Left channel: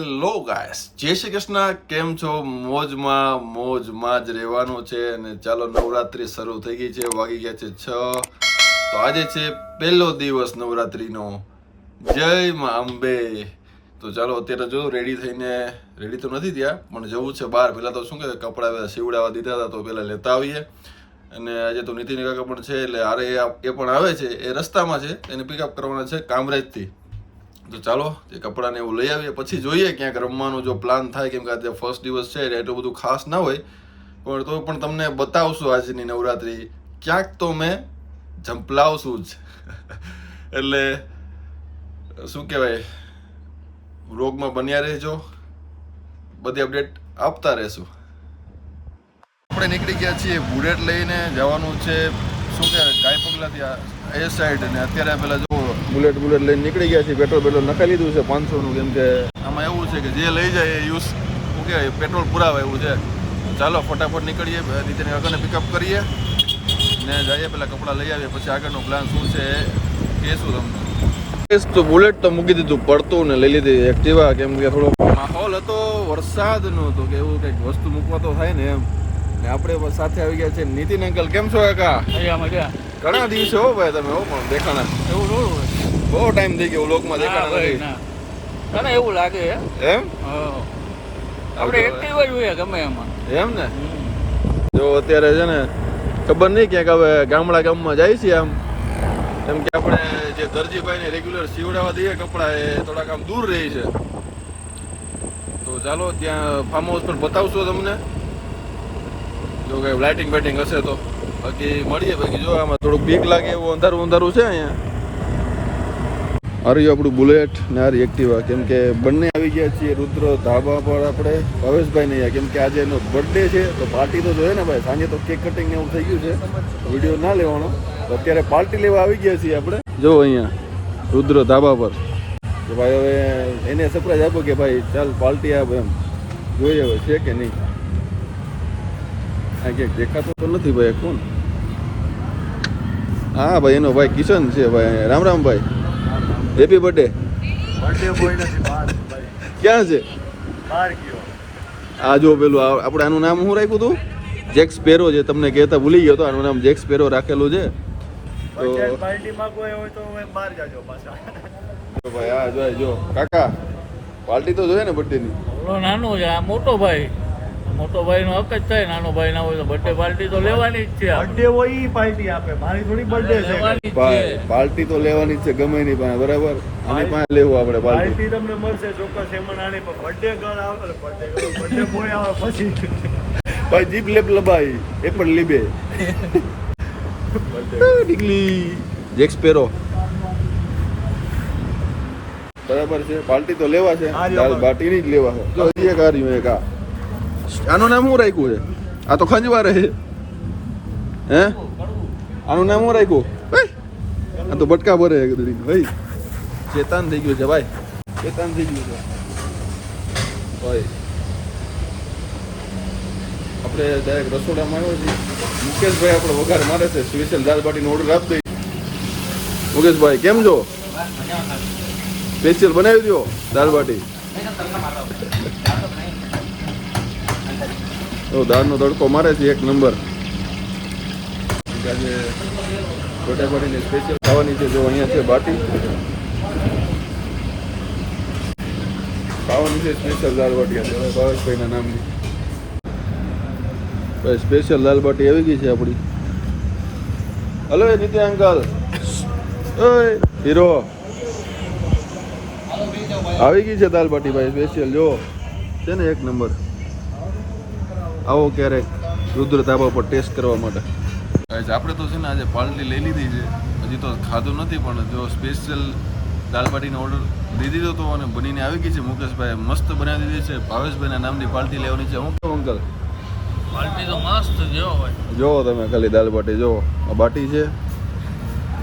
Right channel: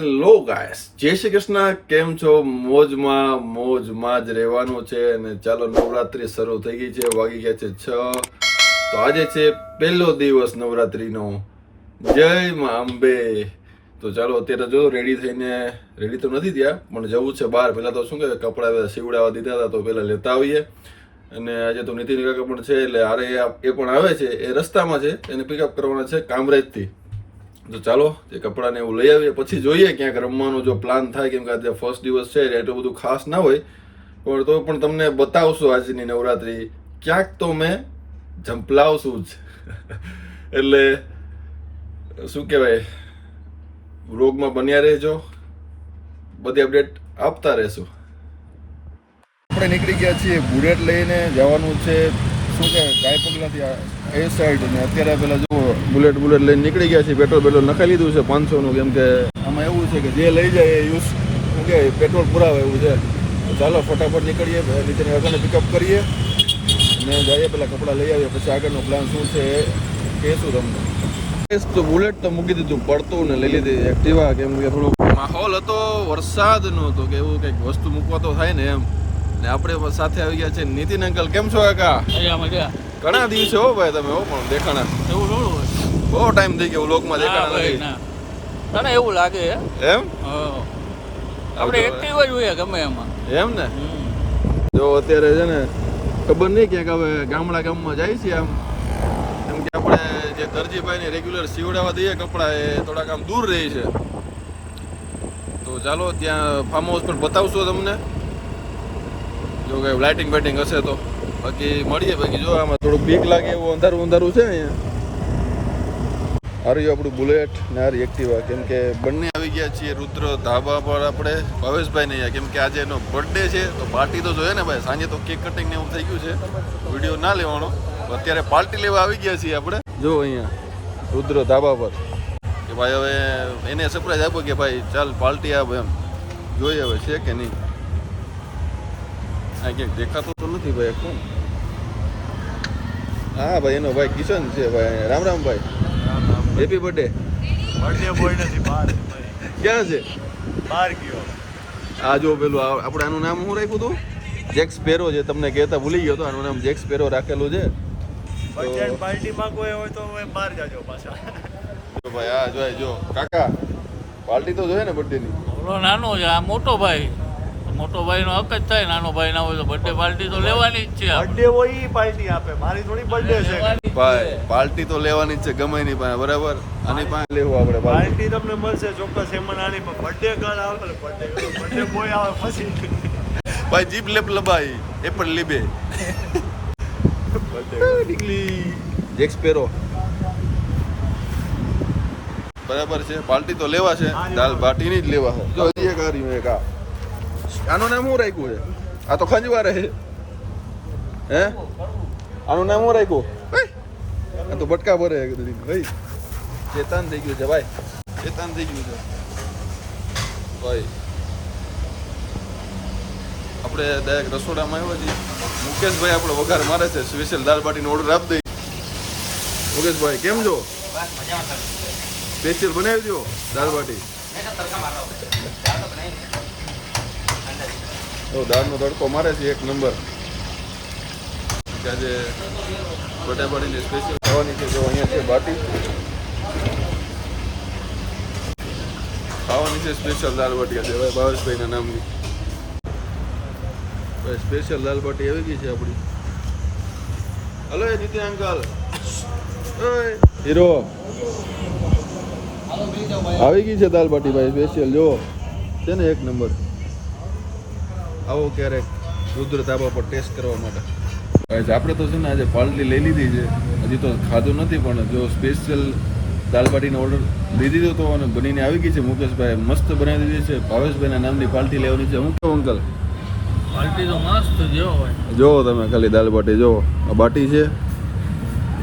Hello guys જય શ્રી કૃષ્ણ. કેમ છો? મોજમાં મોજમાં જ રહેવાનું છે અને ચાલો નવરાત્રી શરૂ થઈ ગઈ છે. વાગી ગયા છે છ. તો આજે છે પહેલો દિવસ નવરાત્રીનો. જય માં અંબે. તો ચાલો અત્યારે જો રેડી થઈને રેડી તો નથી થયા, પણ જવું છે બહાર. પહેલાં તો શું કે કપડાં સીવડાવવા દીધા હતા, તો પહેલાં લેતા આવીએ. અને આજે તો નીતિન કાકા પણ છે, એટલે અરે એ પણ આવે છે. એ રસ્તામાં છે, એને પિકઅપ કરવાના છે કામરેજથી. તો ચાલો, જે કપડાને એવું લઈ આવીએ, પછી જોઈએ ક્યાંક રમવાનું જો પ્લાન થાય, કેમ કે આજે ફર્સ્ટ દિવસ છે, એટલે બધું ખાસ ના હોય. પણ તો પણ તમને બતાવશું આજની નવરાત્રી. ક્યાંક તો મેં ઝંપલાવશું જ. એટલે, શું કહેવાય? રોગમાં બન્યા રહેજો. બધી અપડેટ આપતા રહેશું. આપણે નીકળી ગયા છીએ બુલેટ લઈને, જવાનું છે શું કે ગાય પગલાથી એ સાઈડ ને અત્યારે પેલા જુઓ બુલેટ બુલેટ લઈને નીકળી ગયા છે પેટ્રોલ પેટ્રોલ નખાઈ લીધું છે, પાંચસોનું કેમ કે આમાં એવું છે કે જે લઈ જાય એ યુઝ શું કે પેટ્રોલ પુરાવે એવું છે. ચાલો, ફટાફટ નીકળીએ નીતિન કાકાને પિકઅપ કરીએ ને જઈએ પેલા કપડાં લઈ આવીએ, પછી આગળનો પ્લાન શું છે કહેશું તમને. તો બુલેટ તો મૂકી દીધું, પડતું ને લઈ લીધી એક્ટિવા કેમ કે થોડો માહોલ હતો વરસાદનો હતો કે એવું કંઈક વસ્તુ મૂકવા તો થાય ને એમ. ને આપણે સાથે આવી ગયા છે નીતિન અંકલ કેમ છો કાકા? અહીંયા મજા. ઘણા દિવસે હો ભાઈ તમે હો પણ દેખાણા. એવું બહુ ટાઈમ થઈ ગયો લોકમાં દેખાણા નથી. ના. તને એવું લાગે એમ. આપણે એક્ટિવ જ હોઈએ ગમે એમાં. એમ ને? જો અત્યારે છે ને ખબર નહીં ક્યાંક હવે ગામડા ગામમાં જાય છે આમ. કેમ કે આપણે જે દરજીભાઈ ને રેગ્યુલર સીવડાવવા દઈએ કપડા એ થોડાક આમ દૂર રહી છે. તો ચાલો ત્યાં ફાર્મ હાઉસ પણ બતાવશો તમને. જો કે લાઇટિંગ બાઇટિંગ હશે તો. બાકી મળીએ, બાકી જો આમાં થોડુંક બીક લાગે એવું અંધારું અંધારું છે અહીંયા. હરી આપણું બુલેટ ને હારી એક્ટિવા કેમ કે બંને આવી ગયા છીએ, રુદ્ર, ધાબા પર આપણે, ભાવેશભાઈ નહીં કેમ કે આજે એનો બર્થડે છે, તો પાર્ટી તો જોઈએ ને ભાઈ. સાંજે તો કેક કટિંગ ને એવું થઈ ગયું છે. વીડિયો ના લેવાનો. અત્યારે પાર્ટી લેવા આવી ગયા છીએ આપણે. જો અહીંયા, રુદ્ર, ધાબા પર. કે ભાઈ હવે એને સરપ્રાઈઝ આપો કે ભાઈ, ચાલ પાર્ટી આપ એમ. જોઈએ હવે છે કે નહીં. આ ક્યાંક દેખાતો તો નથી ભાઈ કોણ? હા ભાઈ એનો ભાઈ કિશન છે ભાઈ રામ રામ ભાઈ. હેપી બર્થડે ક્યાં છે? આ જો પેલું આપણે આનું નામ શું રાખ્યું હતું? જેક સ્પેરો છે તમને કહેતા ભૂલી ગયો તો આનું નામ જેક સ્પેરો રાખેલું છે. તો પાર્ટીમાં કોઈ હોય તો બહાર જાજો પાછા. જો ભાઈ આ જો જો. કાકા પાર્ટી તો જોઈએ ને બર્થડે ની? નાનો છે આ મોટો ભાઈ. મોટો ભાઈ નો હક જ થાય નાનો ભાઈ ના હોય તો બર્થડે પાર્ટી તો લેવાની જ છે બર્થડે હોય ઈ પાર્ટી આપે મારી થોડી બર્થડે છે. ભાઈ પાર્ટી તો લેવાની જ છે ગમે એની પાસે બરાબર? આની પાસે લેવું આપણે પાર્ટી તમને મળશે ચોક્કસ એમાં નાની પણ બર્થડે ગર્લ આવે બર્થડે બર્થડે બોય આવે પછી. ભાઈ જીપ લેપ લબાઈ એ પણ લીબે. નીકળી. જેક્સ પેરો બરાબર છે પાર્ટી તો લેવા છે. દાલ. બાટીની જ લેવા છે જો હજી એક એક આ આનું નામ શું રાખ્યું છે? આ તો ખંજવા રહે હે? આનું નામ શું રાખ્યું? ભાઈ આ તો બટકા ભરે. ભાઈ ચેતાન થઈ ગયું છે ભાઈ. ચેતાન થઈ ગયું છે. ભાઈ આપણે ડાયરેક્ટ રસોડામાં આવ્યો છીએ. મુકેશભાઈ આપણો વઘાર મારે છે. સ્પેશિયલ દાલ બાટીનો ઓર્ડર આપી દઈ મુકેશભાઈ કેમ છો? સ્પેશિયલ બનાવી દો દાલ બાટી. તો દાળનો તડકો મારે છે, એક નંબર. આજે બટા બાટીને સ્પેશિયલ ખાવાની છે, જો અહીંયા છે બાટી. ખાવાની છે સ્પેશિયલ દાળ બાટી આજે, હવે ભાવેશભાઈના નામની. ભાઈ સ્પેશિયલ દાલ બાટી આવી ગઈ છે આપણી. હલો, એ નીતિ અંકલ. ઓય, હીરો. આવી ગઈ છે દાલ બાટી, ભાઈ સ્પેશિયલ જો. છે ને એક નંબર. આવો ક્યારેક રુદ્ર ધાબા પર ટેસ્ટ કરવા માટે. આપણે તો છે ને આજે પાલટી લઈ લીધી છે. હજી તો ખાધું નથી પણ જો સ્પેશિયલ દાલબાટીનો ઓર્ડર દઈ દીધો તો અને બનીને આવી ગઈ છે. મુકેશભાઈ મસ્ત બનાવી દીધી છે. ભાવેશભાઈના નામની પાલટી લેવાની છે. હું કહું અંકલ? પાલટી તો મસ્ત જો હોય. જુઓ તમે ખાલી દાલ બાટી જુઓ. આ બાટી છે.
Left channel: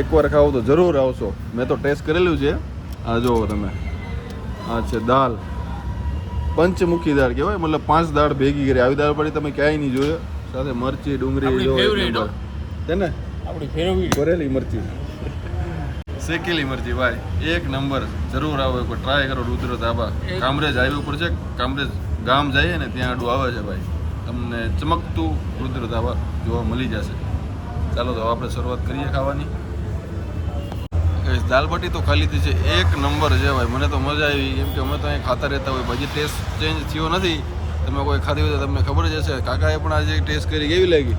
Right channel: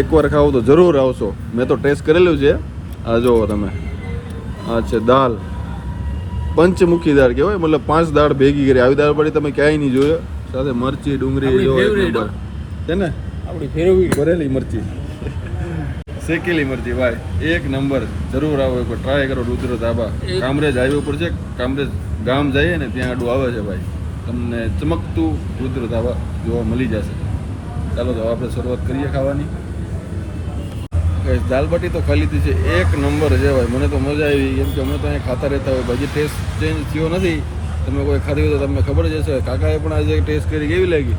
એકવાર ખાવું તો જરૂર આવશો. મેં તો ટેસ્ટ કરેલું છે. આ જુઓ તમે. આ છે દાલ. પંચમુખી દાળ કહેવાય મતલબ પાંચ દાળ ભેગી કરી. આવી દાળ પડી તમે ક્યાંય નહીં જોયો. સાથે મરચી ડુંગળી જો. છે ને? આપણી ફેરવી ભરેલી મરચી. શેકેલી મરચી ભાઈ. એક નંબર. જરૂર આવો એક ટ્રાય કરો રુદ્ર ધાબા. કામરેજ હાઈવે ઉપર છે. કામરેજ ગામ જઈએ ને ત્યાં આડું આવે છે ભાઈ. તમને ચમકતું રુદ્ર ધાબા જોવા મળી જશે. ચાલો તો આપણે શરૂઆત કરીએ ખાવાની. Guys, દાલ બાટી તો ખાલી લીધી છે. એક નંબર છે ભાઈ. મને તો મજા આવી. કેમ કે અમે તો અહીંયા ખાતા રહેતા હોય. ભાજી ટેસ્ટ ચેન્જ થયો નથી. તમે કોઈ ખાધી હોય તો તમને ખબર જ હશે. કાકાએ પણ આજે ટેસ્ટ કરી. કેવી લાગી?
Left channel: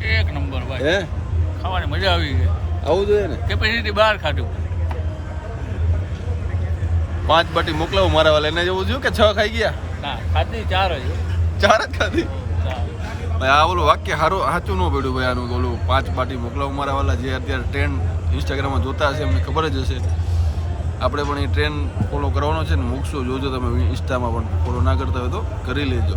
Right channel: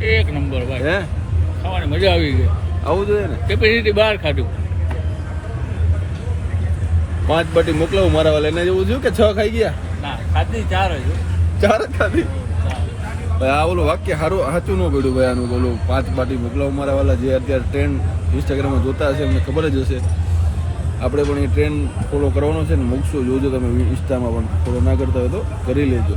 એક નંબર ભાઈ. હે? ખાવાની મજા આવી ગઈ. આવું જોઈએ ને? કેપેસિટી બહાર ખાધું. પાંચ બાટી મોકલાવું મારા વાળા એને જેવું જોયું કે છ ખાઈ ગયા? ના ખાધી ચાર જ. ચાર જ ખાધી? ભાઈ આ ઓલું વાક્ય સારું સાચું ન પડ્યું ભાઈ આનું ઓલું પાંચ બાટી મોકલાવું મારા વાળા જે અત્યારે ટ્રેન્ડ ઇન્સ્ટાગ્રામમાં જોતા હશે એમને ખબર જ હશે. આપણે પણ એ ટ્રેન ફોલો કરવાનો છે ને, મૂકશું, જોજો તમે ઇન્સ્ટામાં પણ. ફોલો ના કરતા હોય તો કરી લેજો.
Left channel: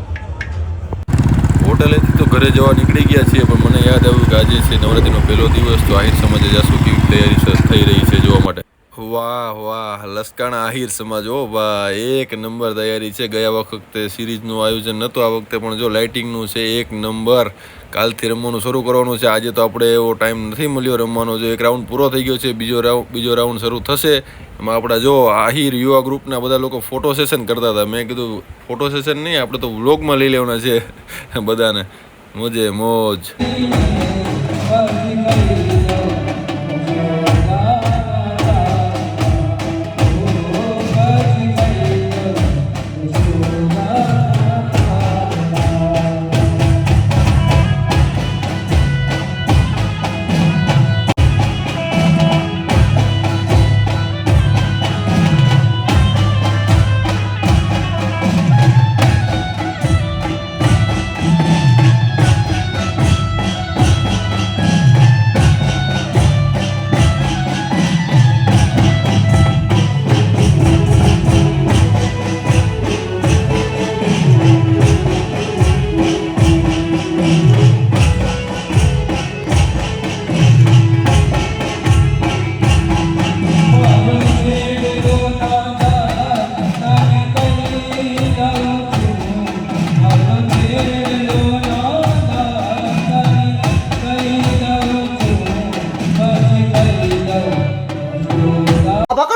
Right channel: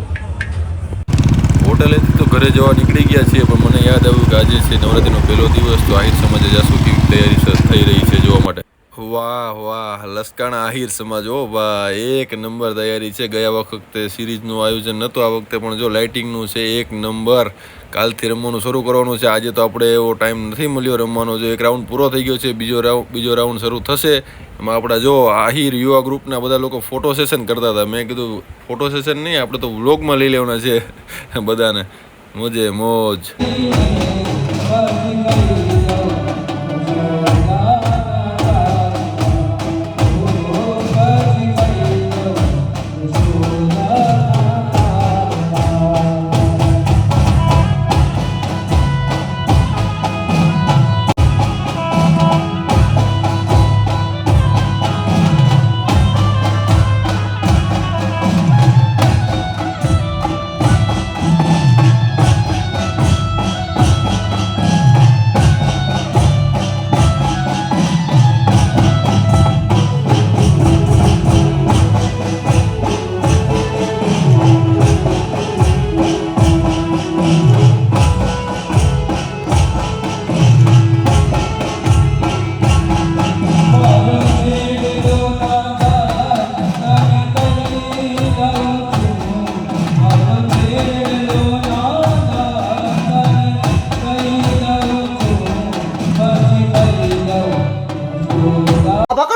હોટલેથી તો ઘરે જવા નીકળી ગયા છીએ, પણ મને યાદ આવ્યું કે આજે છે નવરાત્રીનો પહેલો દિવસ, તો આહિર સમાજે જાશું કેવી તૈયારી થઈ રહી છે જોવા માટે. વાહ વાહ, લસકાણા આહિર સમાજ. ઓ ભાઈ, એક નંબર તૈયારી છે. ગયા વખતે સિરીઝનું આયોજન નહોતું. આ વખતે પણ જો લાઇટિંગનું છે, એક નંબર. કાલથી રમવાનું શરૂ કરવાનું છે. આજે તો આપણે એવો ટાઈમ નથી મળ્યો રમવાનો. જો એક રાઉન્ડ પૂરો થઈ ગયો છે, બીજો રાઉન્ડ બીજો રાઉન્ડ શરૂ થશે. એમાં આપણા જો આહિર યુવા ગ્રુપના બધા લોકો ફોટો સેશન કરતા હતા. મેં કીધું, ફોટો સેશન નહીં, આપણે તો વ્લોગમાં લઈ લેવાના છે. બધાને. મોજે મોજ.